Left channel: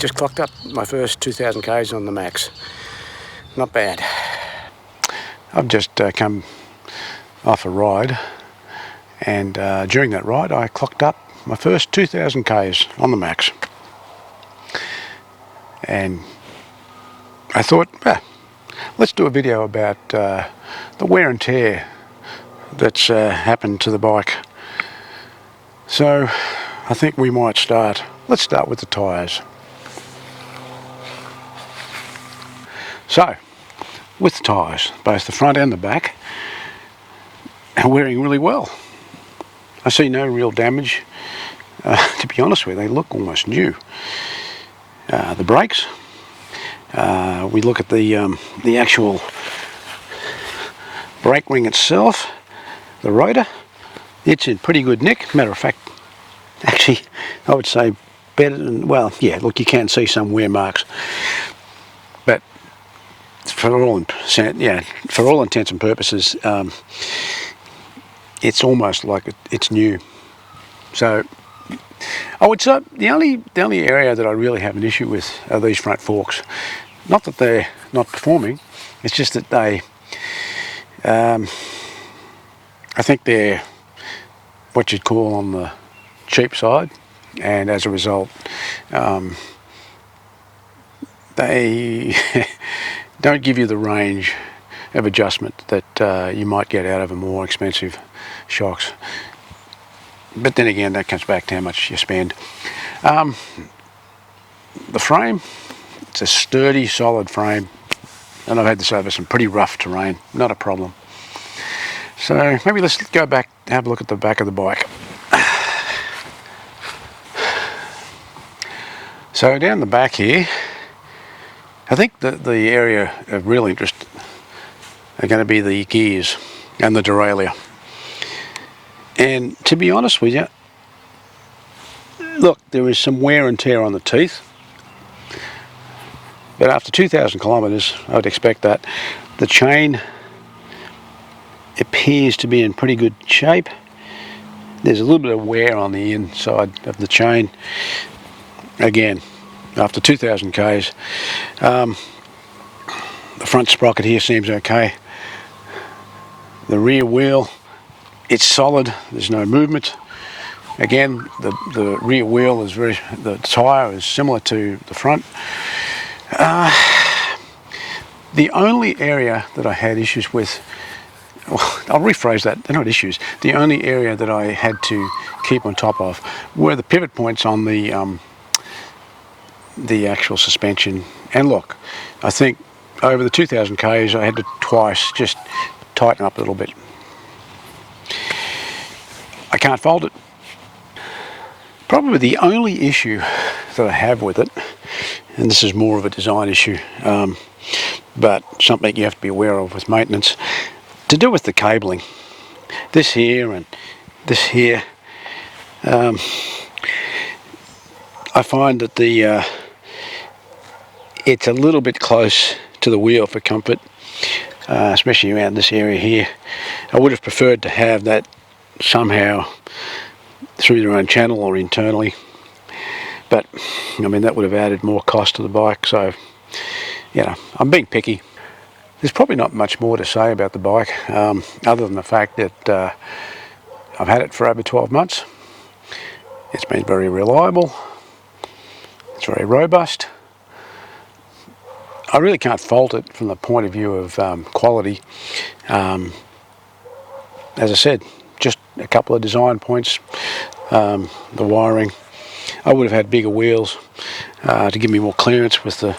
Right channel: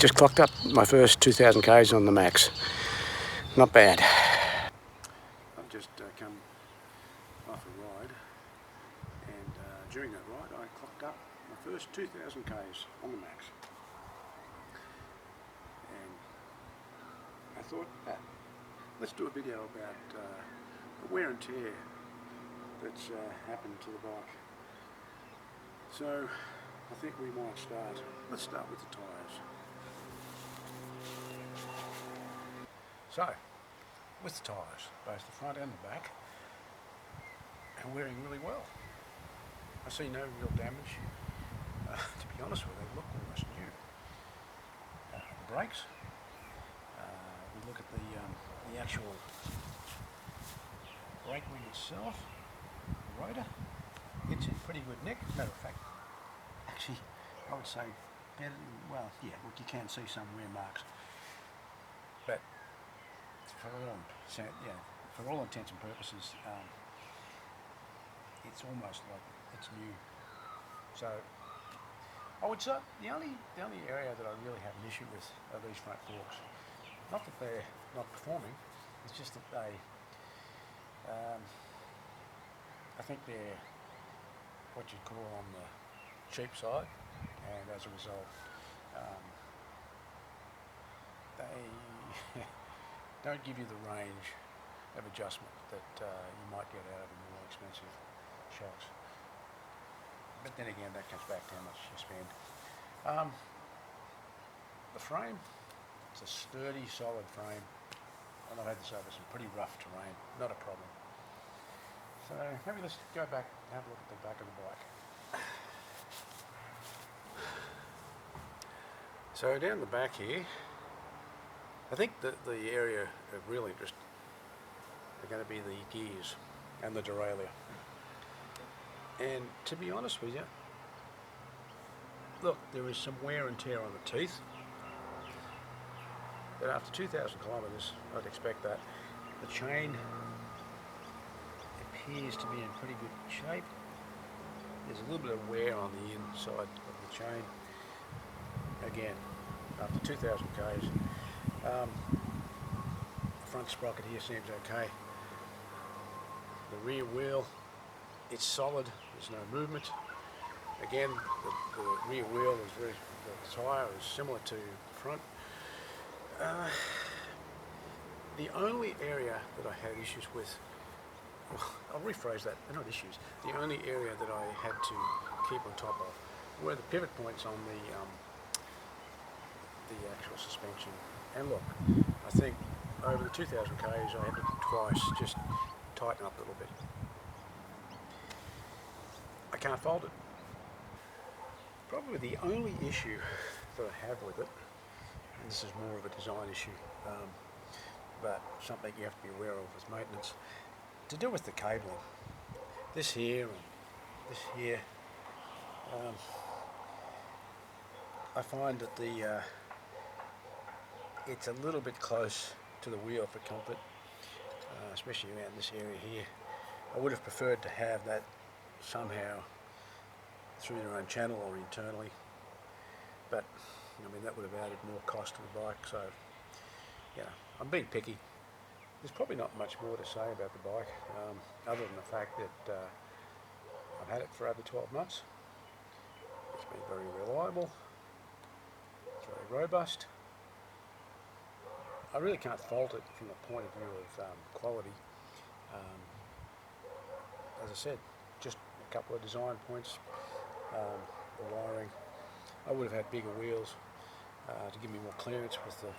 just clocked up my first 2,000 k's on the Max. Not bad. I've just come off a ride, and during that ride I clocked up my first 2,000 k's on the Max. And I thought, let's do a video about the wear and tear that's happened to the bike. So I think we might start. Let's start with the tyres. So, with the tyres, both the front and the back are wearing really well. I see no real damage. To be honest with you, they look almost new. The brakes, we look at the actual brake ring itself, the rotor, it's in pretty good nick. Matter of fact, actually, I would say better than, well, yeah, look, you can see some wear marks. But for all intents and purposes, it's almost like it's new. So I would say the only area that I really have an issue with are these front forks. Not that they're not performing, it's just that they, I think they're what you'd call on the cheap side, and as a result, they don't give you the range of adjustment that you might get out of a more expensive shocks. But then again, that comes back to how much you spend. The frame, it's a sturdy, solid frame, and I've had this over some pretty rough terrain, not a problem. So maybe let's go back and have a look at the back of the bike. So down the back here, I think the area of real interest are going to be the gears and the derailleur. And to be honest with you, look, there is some wear and tear on the teeth. But after 2,000 kilometres, I would expect that. The chain appears to be in pretty good shape. There's a little bit of wear on the inside of the chain. Again, after 2,000 k's, the front sprocket here seems okay. The rear wheel, it's solid, there's no movement. Again, the rear wheel is the tyre is similar to the front. The only area that I had issues with, well, I'll rephrase that, they're not issues. The only area that I had to keep on top of were the pivot points on the actual suspension. And look, I think over the 2,000 k's I had to twice just tighten up a little bit. I can't fault it. Probably the only issue that I have with it, and this is more of a design issue, but something you have to be aware of with maintenance, to do with the cabling. This here and this here, I find that it's a little bit close to the wheel for comfort, especially around this area here. I would have preferred to have that somehow through their own channel or internally, but I mean that would have added more cost to the bike. So, you know, I'm being picky. There's probably not much more to say about the bike, other than the fact that I've had it for over 12 months. It's been very reliable. It's very robust. I really can't fault it from the point of view of quality. As I said, just a couple of design points. The wiring. I would have had bigger wheels to give me more clearance with the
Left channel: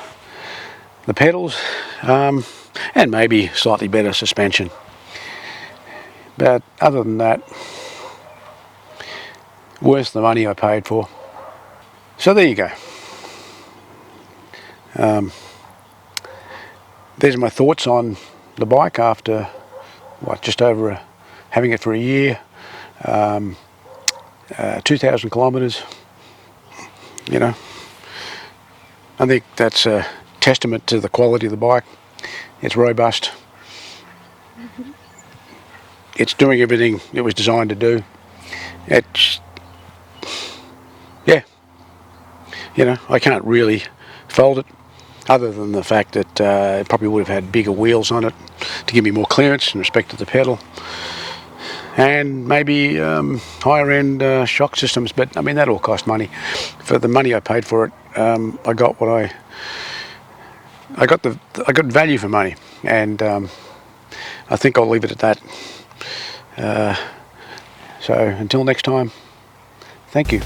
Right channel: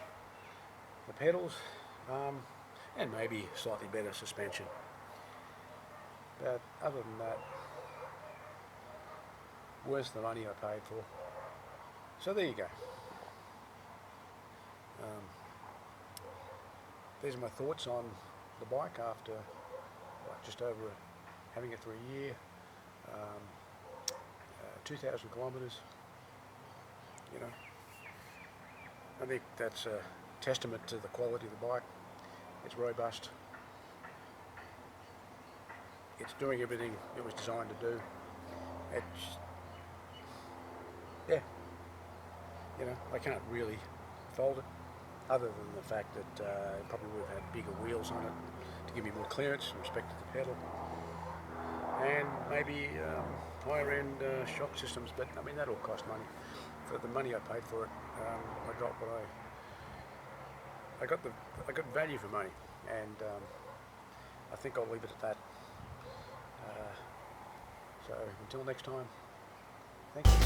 pedals, and maybe slightly better suspension. But other than that, worth the money I paid for. So there you go. There's my thoughts on the bike after just over having it for a year, 2,000 kilometres. You know, I think that's a testament to the quality of the bike. It's robust. It's doing everything it was designed to do. It's, yeah, you know, I can't really fault it, other than the fact that it probably would have had bigger wheels on it to give me more clearance in respect to the pedal, and maybe higher end shock systems, but I mean that all cost money. For the money I paid for it, I got what I got value for money, and I think I'll leave it at that. So until next time, thank you.